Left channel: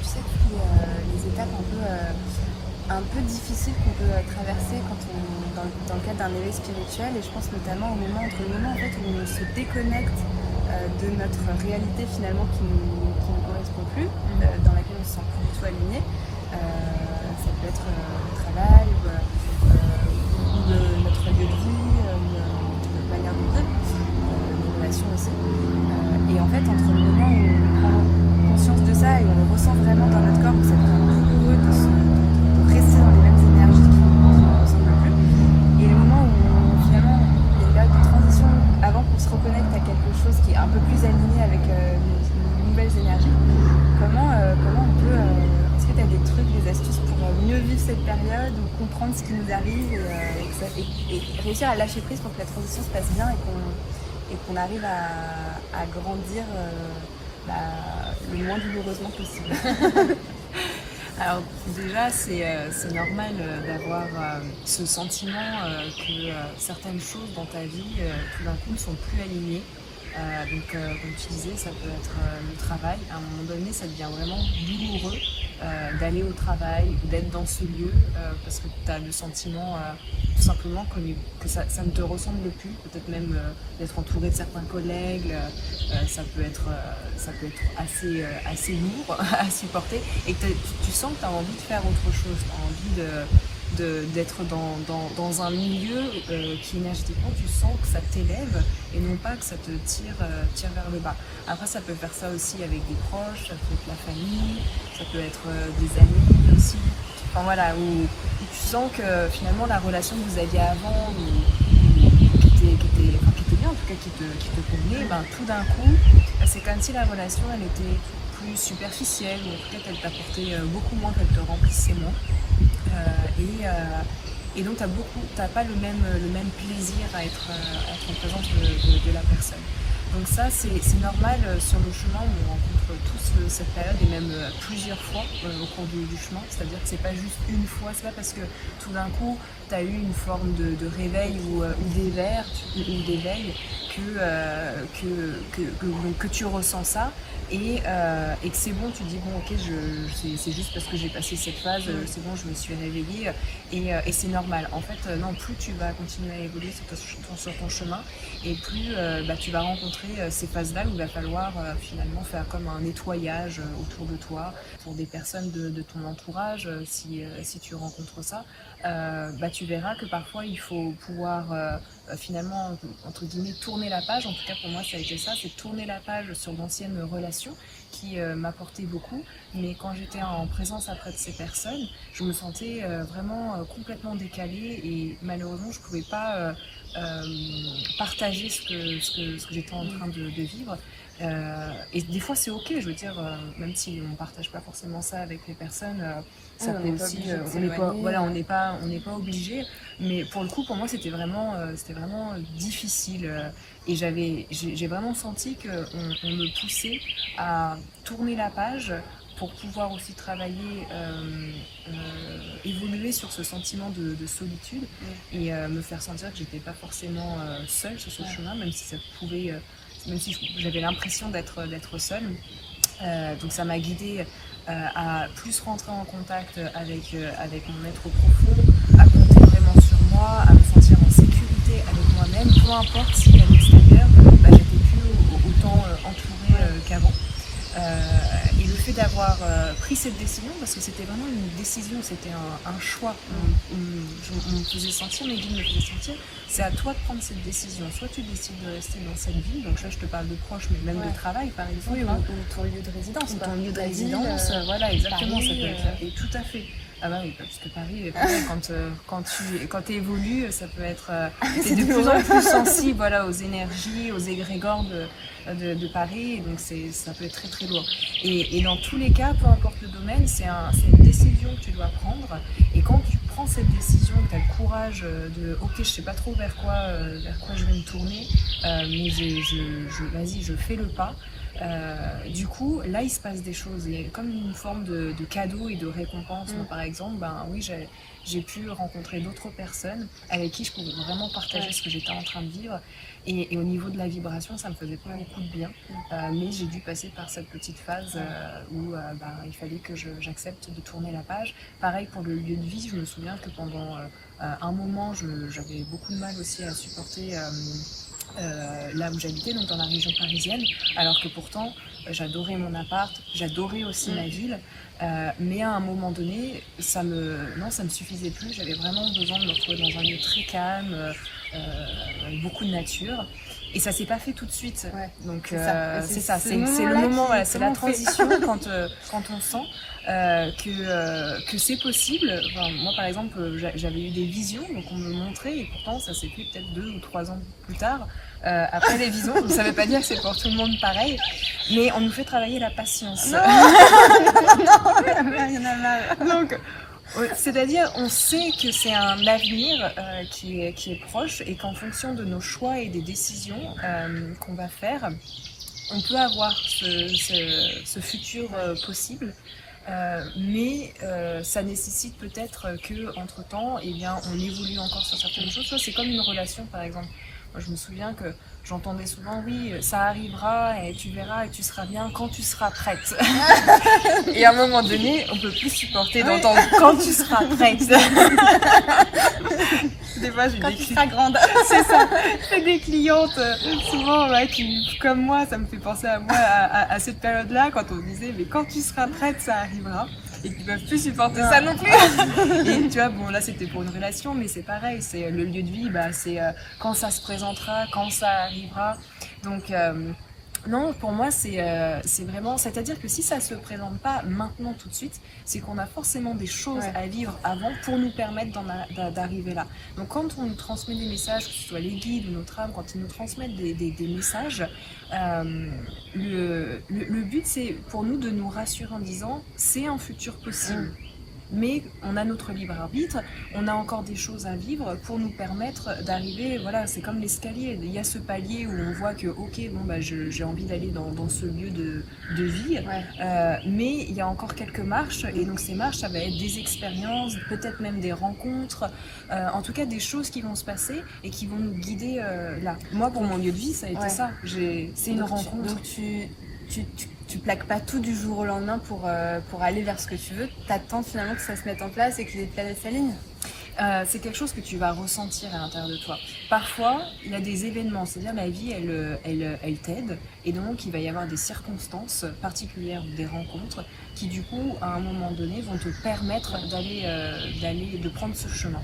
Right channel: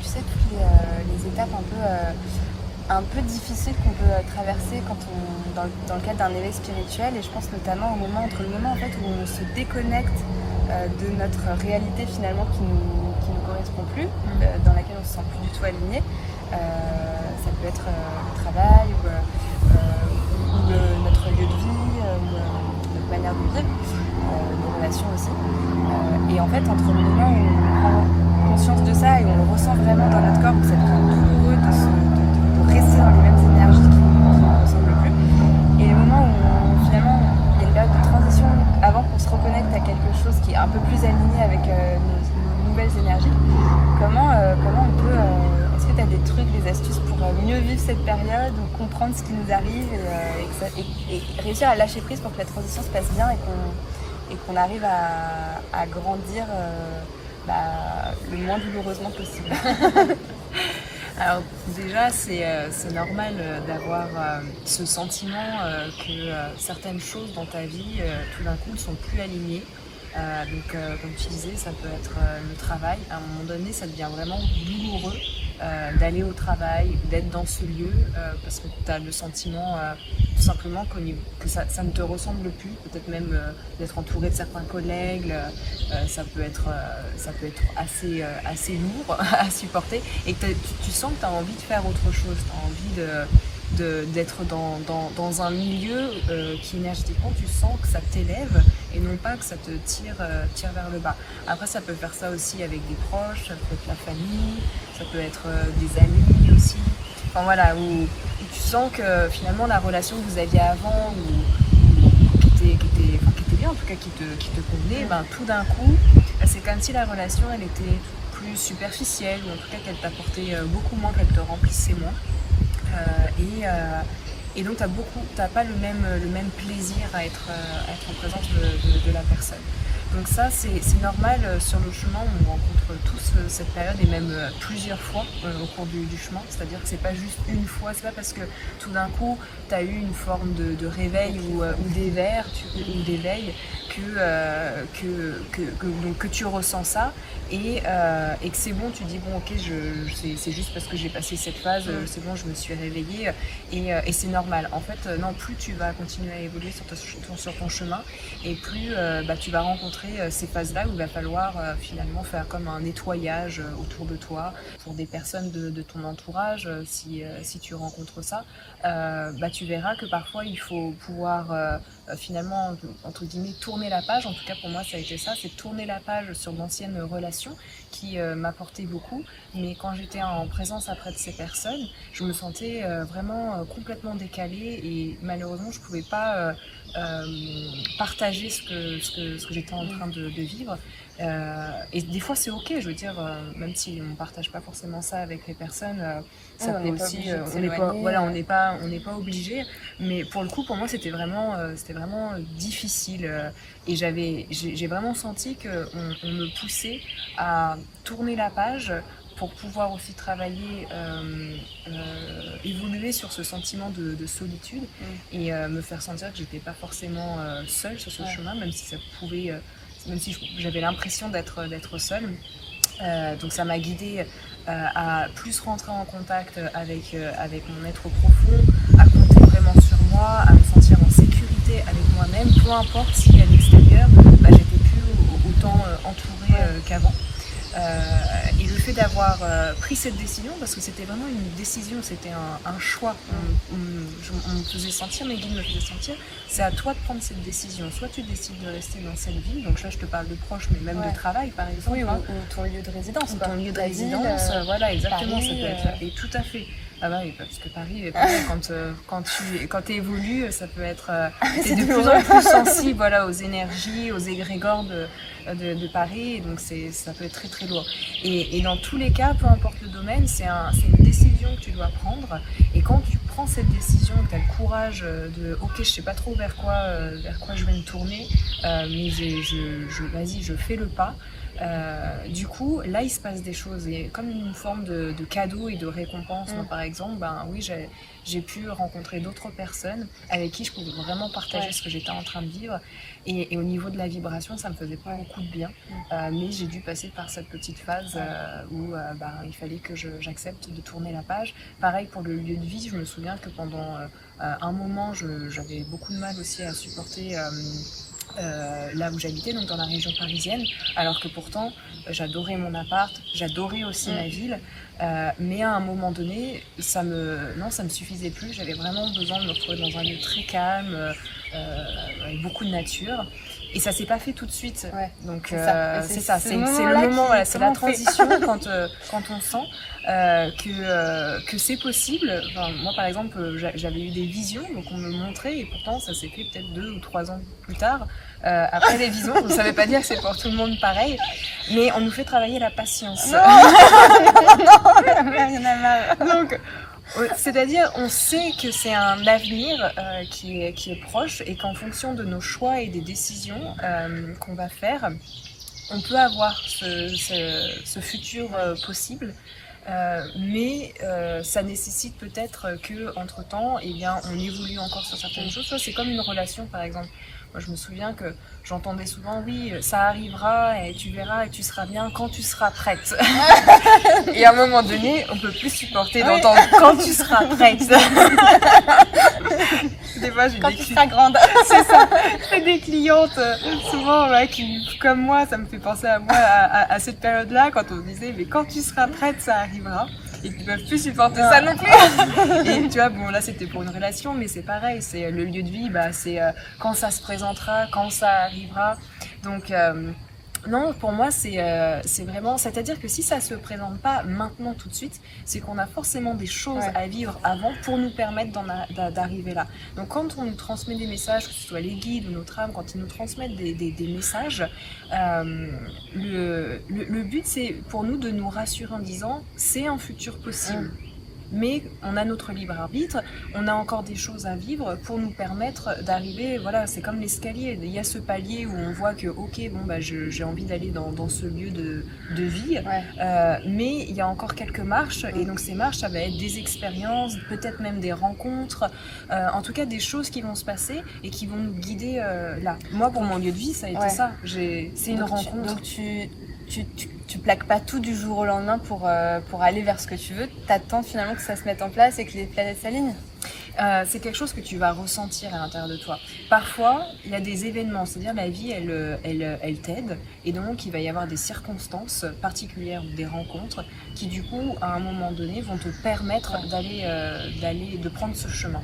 tu sais, toutes les étapes un peu difficiles qu'on peut traverser dans le cadre d'un éveil spirituel. Et je pense notamment entre le moment en fait, où on se déconnecte de notre réalité finalement qui nous correspond plus, dans laquelle on se sent plus du tout aligné. Ça peut être le travail ou notre lieu de vie, ou notre manière de vivre, nos relations aussi. Et en fait, entre le moment où on prend conscience de ça et on le ressent vraiment dans notre corps, que c'est douloureux de rester dans les mêmes énergies qui ne nous ressemblent plus, et le moment où finalement il y a une période de transition avant qu'on se reconnecte à quelque chose qui est un peu plus aligné avec nos nouvelles énergies, comment on peut... Est-ce que tu as des trucs, des astuces pour mieux vivre cette période ou comprendre ce qui nous arrive et réussir à lâcher prise pour que la transition se passe bien et qu'on arrive à grandir le moins douloureusement possible? Alors déjà, c'est normal d'avoir ce sentiment que certaines choses dans ta vie, tout d'un coup, ne sont plus alignées. Donc, comme tu disais, ça peut être le travail. À un moment donné, ça devient vraiment douloureux d'aller au travail, d'être dans ce lieu, parce que tu as le sentiment tout simplement que ça ne te ressemble plus. Peut-être même d'être entouré de certains collègues, ça peut être assez lourd à supporter. Et que tu sens que tu as envie de faire autre chose, tu as envie d'être dans un milieu qui énergétiquement tu sens que ça t'élève et non pas que ça te tire vers le bas. Après ça peut faire ça aussi avec des proches, ça peut être la famille, ça peut être des amis aussi. Enfin voilà, où tu sens que finalement la relation que vous aviez avant ou qui était bien, en tout cas qui te convenait, ben, tout d'un coup c'est comme si la relation elle était plus superficielle ou en tout cas qu'elle t'apportait beaucoup moins, qu'elle te remplissait moins. Et donc t'as pas le même plaisir à être en présence de la personne. Donc ça c'est normal sur le chemin où on rencontre tous cette période et même plusieurs fois au cours du chemin. C'est-à-dire que c'est pas juste une fois, c'est pas parce que tout d'un coup t'as eu une forme de réveil ou d'éveil que tu ressens ça et que c'est bon, tu dis bon ok c'est juste parce que j'ai passé cette phase, c'est bon, je me suis réveillée et c'est normal. En fait non, plus tu vas continuer à évoluer sur ton chemin et plus tu vas rencontrer ces phases-là où il va falloir finalement faire comme un nettoyage autour de toi pour des personnes de ton entourage si tu rencontres ça. Tu verras que parfois il faut pouvoir finalement entre guillemets tourner la page. En tout cas pour moi ça a été ça, c'est tourner la page sur d'anciennes relations qui m'apportaient beaucoup, mais quand j'étais en présence après de ces personnes je me sentais vraiment complètement décalée et malheureusement je pouvais pas partager ce que j'étais en train de vivre. Et des fois c'est ok, je veux dire, même si on partage pas forcément ça avec les personnes, ça peut aussi, on n'est pas obligé, mais pour le coup pour moi c'était vraiment difficile et j'ai vraiment senti qu'on me poussait à tourner la page pour pouvoir aussi travailler, évoluer sur ce sentiment de solitude et me faire sentir que j'étais pas forcément seule sur ce chemin, même si j'avais l'impression d'être seule. Donc ça m'a guidée à plus rentrer en contact avec mon être profond, à compter vraiment sur moi, à me sentir en sécurité avec moi-même, peu importe si à l'extérieur j'étais plus autant entourée qu'avant. Et le fait d'avoir pris cette décision, parce que c'était vraiment une décision, c'était un choix, on me faisait sentir, mes guides me faisaient sentir, c'est à toi de prendre cette décision. Soit tu décides de rester dans cette ville, donc là je te parle de proche, mais même de travail par exemple. Oui, ou ton lieu de résidence. Ou ton lieu de résidence, voilà, exactement, Paris, ça peut être. Et tout à fait. Ah bah oui, parce que Paris, quand tu évolues, ça peut être... t'es de plus en plus sensible aux énergies, aux égrégores de Paris, et donc ça peut être très très lourd. Et dans tous les cas, peu importe le domaine, c'est une décision que tu dois prendre, et quand tu prends cette décision, que tu as le courage de ok, je sais pas trop vers quoi je vais me tourner, mais vas-y, je fais le pas. Du coup, là, il se passe des choses. Il y a comme une forme de cadeau et de récompense. Moi, par exemple, oui, j'ai pu rencontrer d'autres personnes avec qui je pouvais vraiment partager ce que j'étais en train de vivre. Et au niveau de la vibration, ça me faisait pas beaucoup de bien. Mais j'ai dû passer par cette petite phase où il fallait que j'accepte de tourner la page. Pareil pour le lieu de vie, je me souviens que pendant un moment, j'avais beaucoup de mal aussi à supporter là où j'habitais, donc dans la région parisienne, alors que pourtant j'adorais mon appart, j'adorais aussi ma ville, mais à un moment donné ça me suffisait plus. J'avais vraiment besoin de me retrouver dans un lieu très calme, avec beaucoup de nature, et ça s'est pas fait tout de suite. Donc c'est ça, c'est le moment, voilà, c'est la transition quand on sent que c'est possible. Enfin, moi par exemple, j'avais eu des visions, donc on me montrait, et pourtant ça s'est fait peut-être 2 ou 3 ans plus tard. Après les visions, ça ne veut pas dire que c'est pour tout le monde pareil, mais on nous fait travailler la patience. Non, il y en a marre. Donc, c'est-à-dire, on sait que c'est un avenir qui est proche, et qu'en fonction de nos choix et des décisions qu'on va faire, on peut avoir ce futur possible. Mais ça nécessite peut-être que entre-temps, eh bien, on évolue encore sur certaines choses. C'est comme une relation, par exemple. Moi, je me souviens que j'entendais souvent, oui, ça arrivera et tu verras et tu seras bien quand tu seras prête. Et à un moment donné, on peut plus supporter d'entendre quand tu seras prête. Des fois, j'ai quand des tu seras grande. C'est ça. J'ai des clientes souvent qui, comme moi, ça me fait penser à moi à cette période-là, quand on se disait, mais quand tu seras prête, ça arrivera. Et qui peuvent plus supporter ça non plus. Et tu vois, bon, là c'était pour une relation, mais c'est pareil, c'est le lieu de vie, c'est quand ça se présentera, quand ça arrivera. Donc non, pour moi c'est vraiment, c'est-à-dire que si ça se présente pas maintenant tout de suite, c'est qu'on a forcément des choses à vivre avant pour nous permettre d'arriver là. Donc quand on nous transmet des messages, que ce soit les guides ou notre âme, quand ils nous transmettent des messages, le but c'est pour nous de nous rassurer en disant c'est un futur possible. Mais on a notre libre arbitre, on a encore des choses à vivre pour nous permettre d'arriver, voilà, c'est comme l'escalier, il y a ce palier où on voit que ok, bon bah j'ai envie d'aller dans ce lieu de vie, mais il y a encore quelques marches, et donc ces marches ça va être des expériences, peut-être même des rencontres, en tout cas des choses qui vont se passer et qui vont nous guider là. Moi pour mon lieu de vie ça a été ça, c'est une rencontre. Donc tu plaques pas tout du jour au lendemain pour aller vers ce que tu veux, t'attends finalement que ça se mette en place et que les planètes s'alignent. C'est quelque chose que tu vas ressentir à l'intérieur de toi. Parfois, il y a des événements, c'est-à-dire la vie, elle t'aide, et donc il va y avoir des circonstances particulières ou des rencontres qui, du coup, à un moment donné, vont te permettre de prendre ce chemin.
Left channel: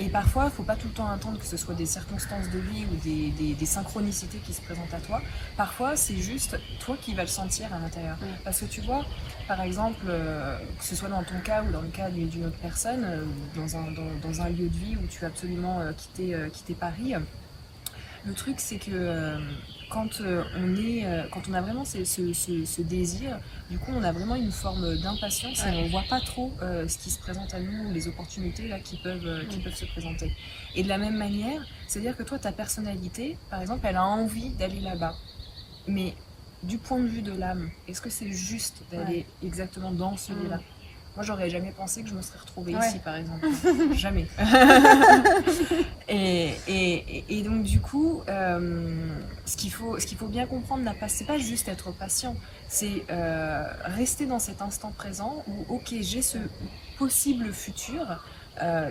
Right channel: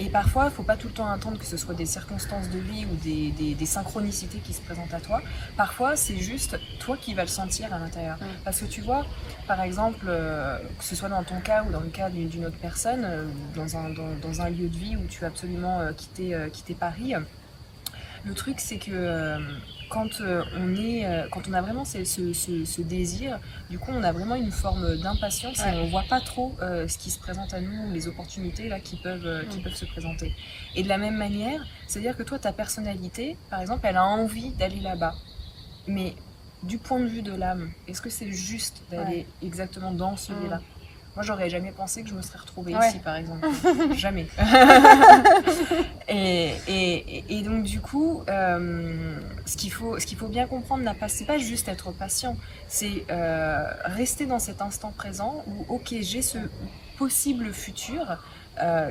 Et parfois, il ne faut pas tout le temps attendre que ce soit des circonstances de vie ou des synchronicités qui se présentent à toi. Parfois, c'est juste toi qui vas le sentir à l'intérieur. Parce que tu vois, par exemple, que ce soit dans ton cas ou dans le cas d'une autre personne, dans un lieu de vie où tu as absolument quitté Paris, le truc c'est que quand on a vraiment ce désir, du coup on a vraiment une forme d'impatience et on voit pas trop ce qui se présente à nous, les opportunités là qui peuvent se présenter. Et de la même manière, c'est-à-dire que toi ta personnalité, par exemple, elle a envie d'aller là-bas, mais du point de vue de l'âme, est-ce que c'est juste d'aller exactement dans ce lieu-là? Moi, j'aurais jamais pensé que je me serais retrouvée ici, par exemple. Jamais. et donc, du coup, ce qu'il faut bien comprendre, c'est pas juste être patient, c'est rester dans cet instant présent où, ok, j'ai ce possible futur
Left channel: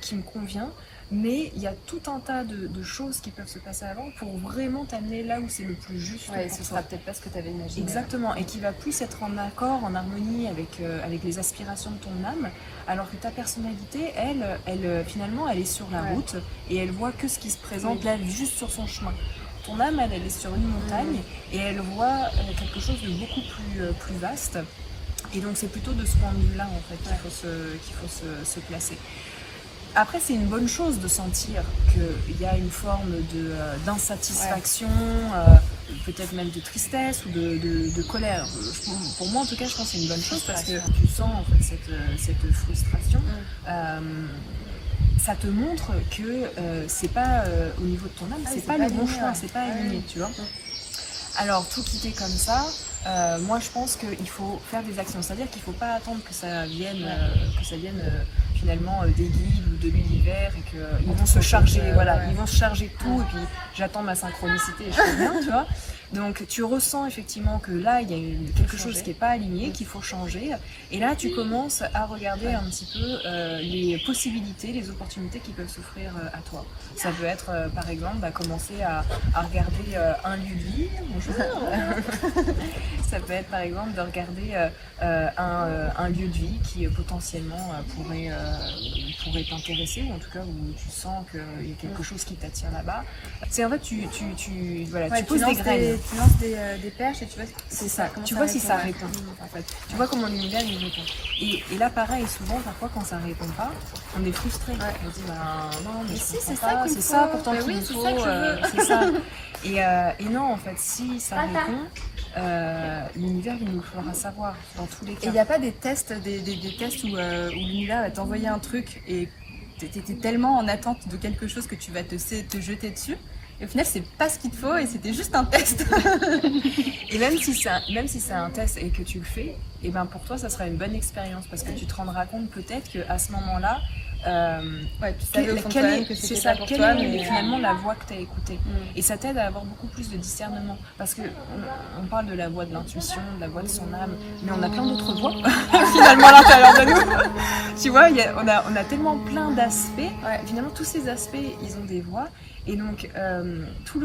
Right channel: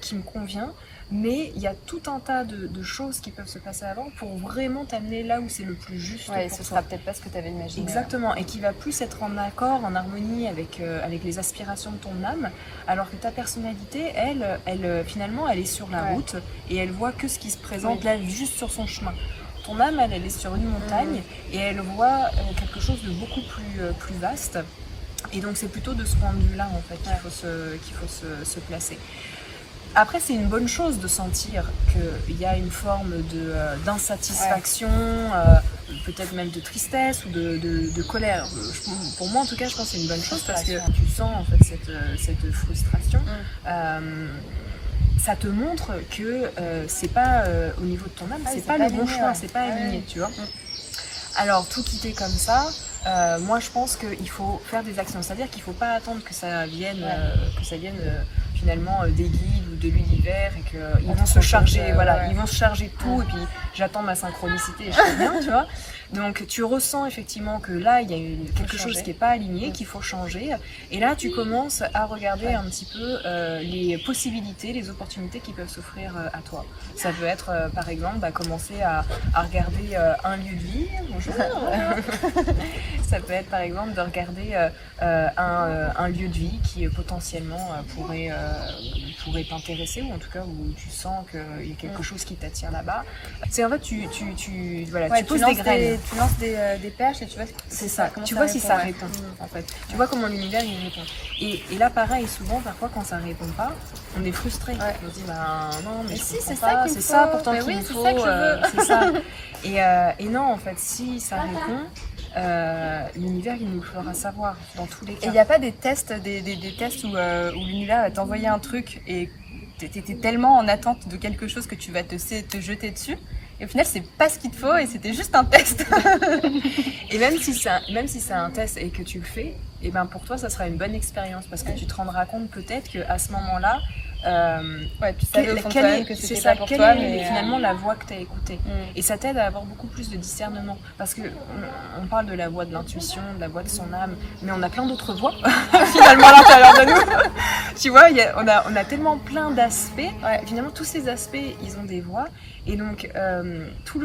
qui me convient, mais il y a tout un tas de choses qui peuvent se passer avant pour vraiment t'amener là où c'est le plus juste pour toi. Ce sera peut-être pas ce que tu avais imaginé. Exactement, et qui va plus être en accord, en harmonie avec les aspirations de ton âme, alors que ta personnalité, elle finalement, elle est sur la route et elle voit que ce qui se présente là, juste sur son chemin. Ton âme, elle est sur une montagne et elle voit quelque chose de beaucoup plus vaste. Et donc c'est plutôt de ce point de vue-là en fait qu'il faut se placer. Après, c'est une bonne chose de sentir qu'il y a une forme d'insatisfaction, peut-être même de tristesse ou de colère. Pour moi, en tout cas, je pense que c'est une bonne chose parce que tu sens en fait cette frustration. Ça te montre que c'est pas au niveau de ton âme, c'est pas le bon choix, c'est pas aligné, tu vois. Alors, tout quitter comme ça, moi je pense qu'il faut faire des actions. C'est-à-dire qu'il ne faut pas attendre que ça vienne, finalement des guides ou de l'univers et qu'ils vont se charger, ils vont se charger de tout et puis j'attends ma synchronicité et je fais bien, tu vois. Donc tu ressens effectivement que là il y a quelque chose qui n'est pas aligné, qu'il faut changer. Et là tu commences à regarder un petit peu les possibilités, les opportunités qui peuvent s'offrir à toi. Ça peut être par exemple commencer à regarder un lieu de vie. Bonjour. Ça peut être par exemple de regarder un lieu de vie qui potentiellement pourrait t'intéresser, ou en tout cas où tu sens qu'il y a quelque chose qui t'attire là-bas. C'est en fait tu poses des graines. Tu lances des perches et tu vois c'est ça. Tu vois si ça répond en fait. Tu vois comment l'univers il répond. Et là pareil, souvent parfois quand ça répond pas, on est frustré. On se dit non mais si c'est ça qu'il me faut. C'est ça pourtant qu'il me faut. C'est ça que je veux. C'est ça. Et non en fait si ça répond, l'univers il nous le fera savoir dans tous les cas. Et il n'y a pas des tests, des tests où l'univers va t'envoyer un truc et t'étais tellement en attente de quelque chose que tu vas te jeter dessus. Et au final, c'est pas ce qu'il te faut et c'était juste un test. Et même si c'est un test et que tu le fais, et ben pour toi, ça sera une bonne expérience parce que tu te rendras compte peut-être qu'à ce moment-là, tu savais au fond de toi-même que c'était pas pour toi, mais finalement la voix que tu as écoutée. Et ça t'aide à avoir beaucoup plus de discernement parce que on parle de la voix de l'intuition, de la voix de son âme, mais on a plein d'autres voix finalement à l'intérieur de nous. Tu vois, on a tellement plein d'aspects. Finalement, tous ces aspects, ils ont des voix. Et donc, tout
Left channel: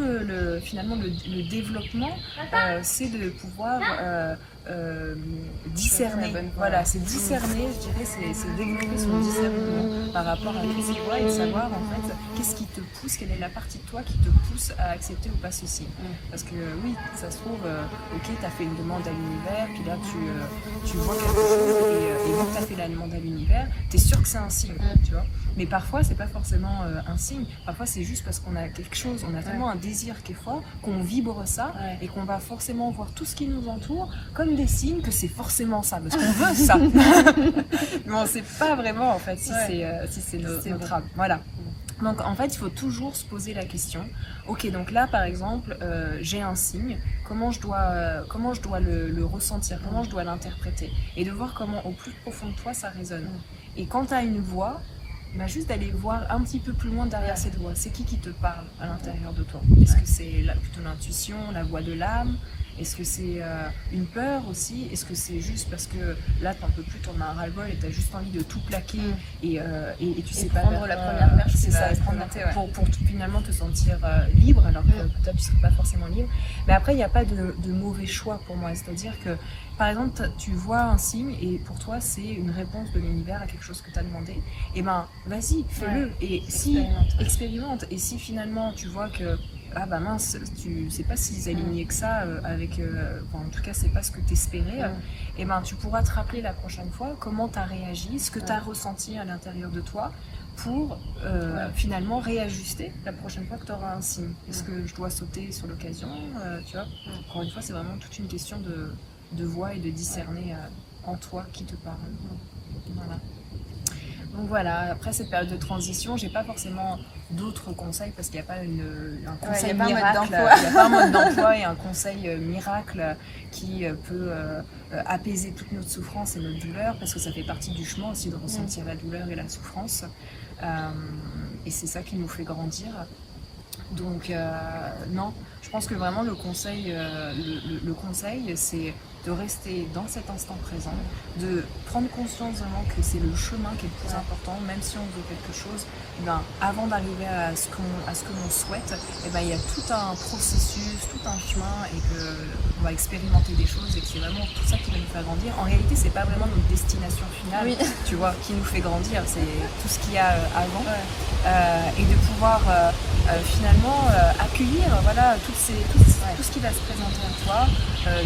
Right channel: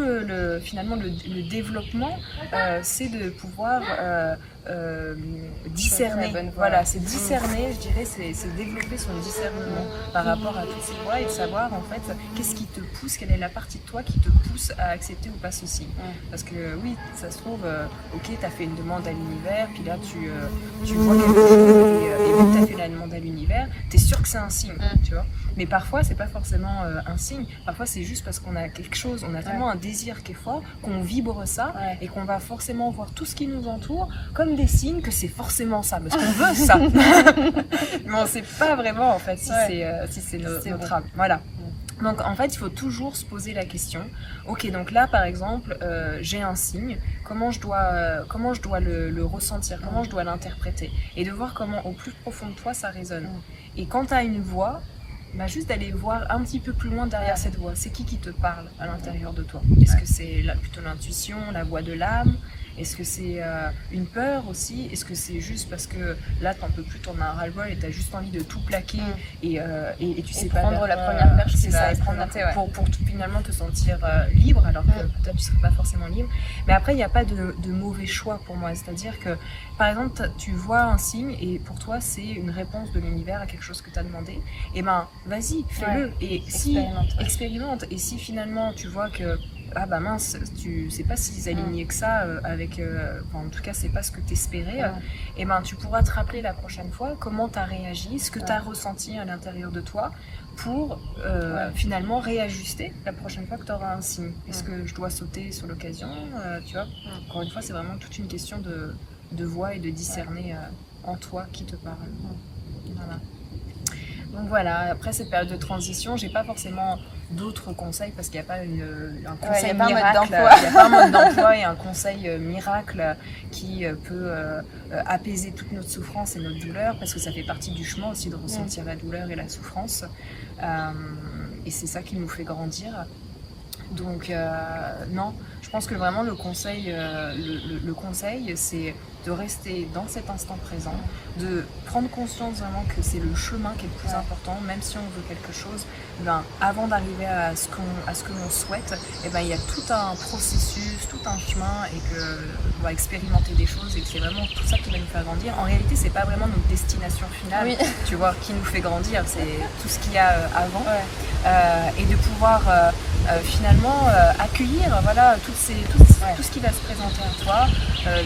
finalement le développement, c'est de pouvoir discerner. Voilà, c'est discerner, je dirais, c'est développer son discernement par rapport à toutes ces voix et de savoir en fait qu'est-ce qui te pousse, quelle est la partie de toi qui te pousse à accepter ou pas ceci. Parce que oui, ça se trouve, ok, tu as fait une demande à l'univers, puis là tu vois quelque chose et vu que tu as fait la demande à l'univers, tu es sûr que c'est un signe, tu vois. Mais parfois, c'est pas forcément un signe, parfois c'est juste parce qu'on a quelque chose, on a tellement un désir qui est fort, qu'on vibre ça et qu'on va forcément voir tout ce qui nous entoure comme des signes que c'est forcément ça, parce qu'on veut ça. Mais on sait pas vraiment en fait si c'est notre âme. Voilà. Donc en fait, il faut toujours se poser la question. Ok, donc là par exemple, j'ai un signe. Comment je dois le ressentir, comment je dois l'interpréter, et de voir comment au plus profond de toi ça résonne. Et quand tu as une voix, juste d'aller voir un petit peu plus loin derrière cette voix. C'est qui te parle à l'intérieur de toi? Est-ce que c'est plutôt l'intuition, la voix de l'âme? Est-ce que c'est une peur aussi? Est-ce que c'est juste parce que là t'en peux plus, t'en as un ras-le-bol et t'as juste envie de tout plaquer et tu sais pas prendre la première perche, c'est ça, pour finalement te sentir libre, alors que peut-être tu serais pas forcément libre. Mais après il n'y a pas de mauvais choix pour moi, c'est-à-dire que par exemple tu vois un signe et pour toi c'est une réponse de l'univers à quelque chose que tu as demandé, et ben vas-y, fais-le et expérimente. Et si finalement tu vois que mince, tu sais pas si aligné que ça avec en tout cas c'est pas ce que t'espérais, et ben tu pourras te rappeler la prochaine fois comment t'as réagi, ce que t'as ressenti à l'intérieur de toi pour finalement réajuster la prochaine fois que t'auras un signe. Est-ce que je dois sauter sur l'occasion, tu vois. Encore une fois, c'est vraiment toute une question de voix et de discerner en toi qui te parle. Voilà. Donc voilà, après cette période de transition, j'ai pas forcément d'autres conseils parce qu'il n'y a pas un conseil miracle, il n'y a pas un mode d'emploi et un conseil miracle qui peut apaiser toute notre souffrance et notre douleur, parce que ça fait partie du chemin aussi de ressentir la douleur et la souffrance, et c'est ça qui nous fait grandir. Donc non, je pense que vraiment le conseil c'est de rester dans cet instant présent, de prendre conscience vraiment que c'est le chemin qui est le plus important, même si on veut quelque chose, avant d'arriver à ce que l'on souhaite, il y a tout un processus, tout un chemin, et qu'on va expérimenter des choses, et que c'est vraiment tout ça qui va nous faire grandir. En réalité, c'est pas vraiment notre destination finale, tu vois, qui nous fait grandir, c'est tout ce qu'il y a avant, et de pouvoir finalement accueillir tout ce qui va se présenter à toi,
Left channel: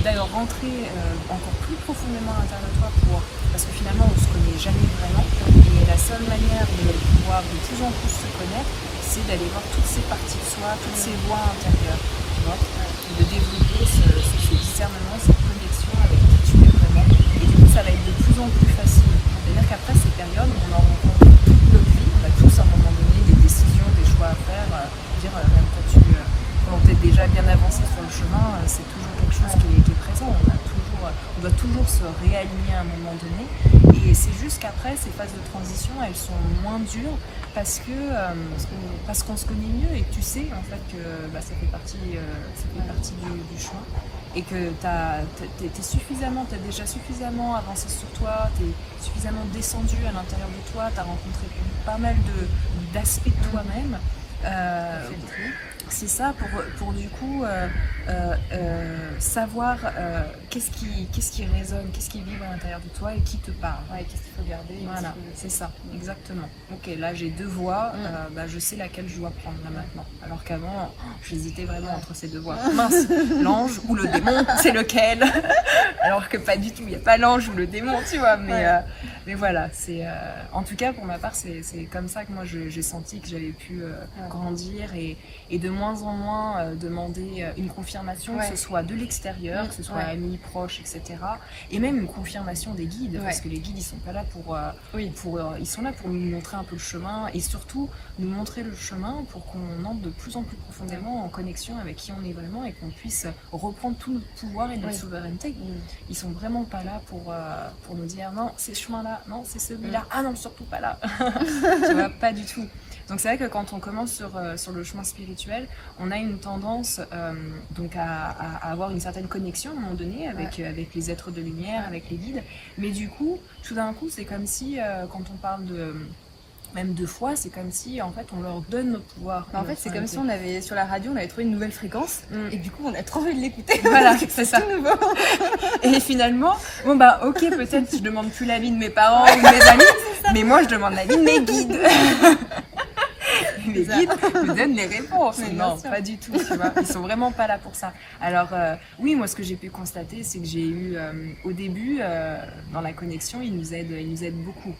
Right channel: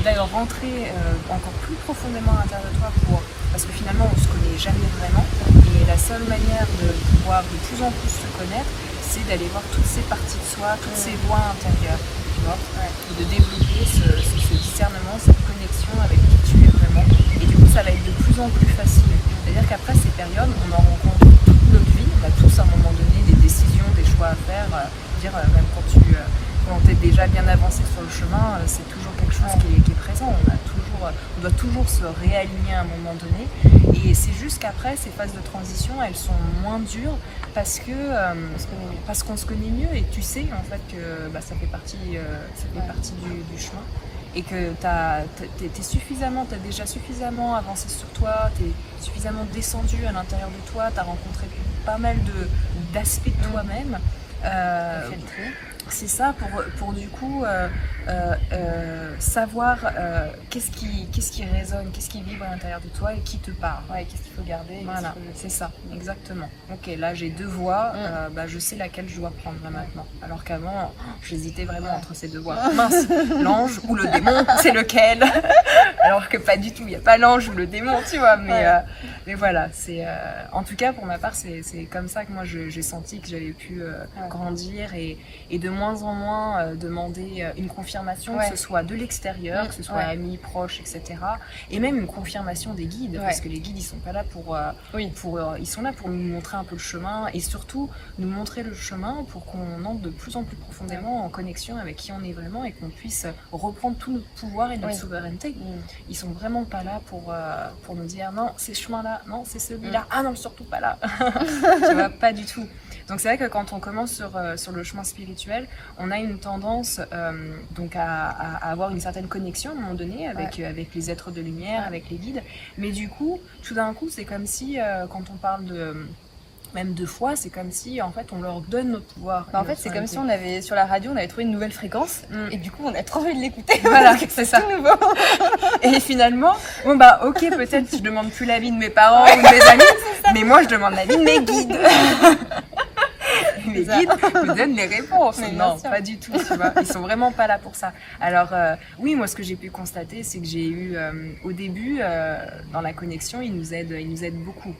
d'ailleurs rentrer encore plus profondément à l'intérieur de toi, parce que finalement on se connaît jamais vraiment, et la seule manière de pouvoir de plus en plus se connaître, c'est d'aller voir toutes ces parties de soi, toutes ces voix intérieures, tu vois, et de développer ce discernement, cette connexion avec qui tu es vraiment, et du coup ça va être de plus en plus facile. C'est-à-dire qu'après ces périodes, on en rencontre toute notre vie, on a tous à un moment donné des décisions, des choix à faire, même quand tu es déjà bien avancé sur le chemin, chemin, c'est toujours quelque chose qui est présent. On doit toujours se réaligner à un moment donné. Et c'est juste qu'après, ces phases de transition, elles sont moins dures parce qu'on se connaît mieux et que tu sais en fait que ça fait partie du chemin. Et que t'as déjà suffisamment avancé sur toi, t'es suffisamment descendu à l'intérieur de toi, t'as rencontré pas mal d'aspects de toi-même. C'est ça pour du coup savoir qu'est-ce qui résonne, qu'est-ce qui vibre à l'intérieur de toi et qui te parle. Ouais, qu'est-ce qu'il faut garder. Voilà, c'est ça, exactement. Ok, là j'ai 2 voix, je sais laquelle je dois prendre là maintenant. Alors qu'avant, j'hésitais vraiment entre ces 2 voix. Mince, l'ange ou le démon, c'est lequel? Alors que pas du tout, il n'y a pas l'ange ou le démon, tu vois. Mais voilà, en tout cas pour ma part, c'est comme ça que moi j'ai senti que j'avais pu grandir et de moins en moins demander une confirmation, que ce soit de l'extérieur, que ce soit amis, proches, etc. Et même une confirmation des guides, parce que les guides, ils sont pas là ils sont là pour nous montrer un peu le chemin et surtout nous montrer le chemin pour qu'on entre de plus en plus profondément en connexion avec qui on est vraiment et qu'on puisse reprendre tout notre pouvoir et notre souveraineté. Ils sont vraiment pas là pour nous dire non, c'est ce chemin-là, non, c'est celui-là, ah non, surtout pas là. Tu vois, pas du tout. Donc c'est vrai que quand on commence sur le chemin spirituel, on a une tendance donc à avoir une certaine connexion à un moment donné avec les êtres de lumière, avec les guides. Mais du coup, tout d'un coup, c'est comme si quand on parle même de foi, c'est comme si en fait on leur donne notre pouvoir. En fait, c'est comme si on avait sur la radio, on avait trouvé une nouvelle fréquence et du coup on a trop envie de l'écouter. Voilà, c'est ça. Tout nouveau. Et finalement, ok, peut-être je demande plus l'avis de mes parents ou de mes amis, mais moi je demande l'avis de mes guides. Les guides me donnent les réponses. Non, pas du tout, tu vois. Ils sont vraiment pas là pour ça. Alors, oui, moi, ce que j'ai pu constater, c'est que j'ai eu, au début, dans la connexion, ils nous aident beaucoup.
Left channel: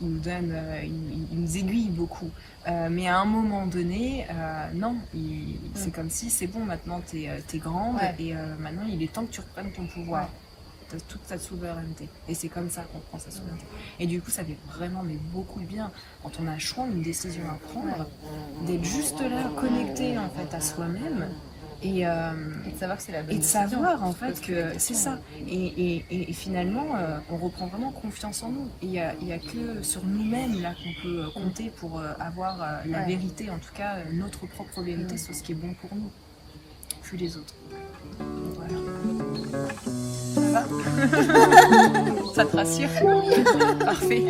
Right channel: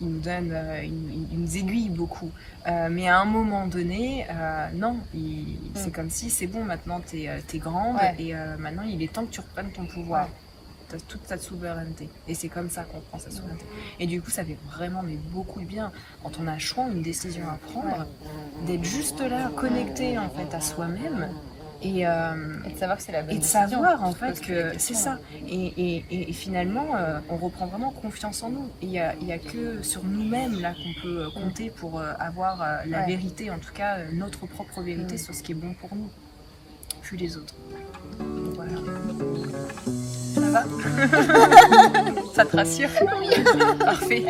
Ils nous donnent, ils nous aiguillent beaucoup. Mais à un moment donné, non, c'est comme si c'est bon, maintenant t'es grande et maintenant il est temps que tu reprennes ton pouvoir. Toute ta souveraineté. Et c'est comme ça qu'on prend sa souveraineté. Et du coup, ça fait vraiment beaucoup de bien quand on a un choix, une décision à prendre, d'être juste là, connecté en fait à soi-même. Et de savoir que c'est la bonne décision. Et de savoir en fait que c'est ça. Et finalement, on reprend vraiment confiance en nous. Et il y a que sur nous-mêmes là qu'on peut compter pour avoir la vérité, en tout cas notre propre vérité sur ce qui est bon pour nous, puis les autres. Voilà. Ça va? Ça te rassure? Parfait.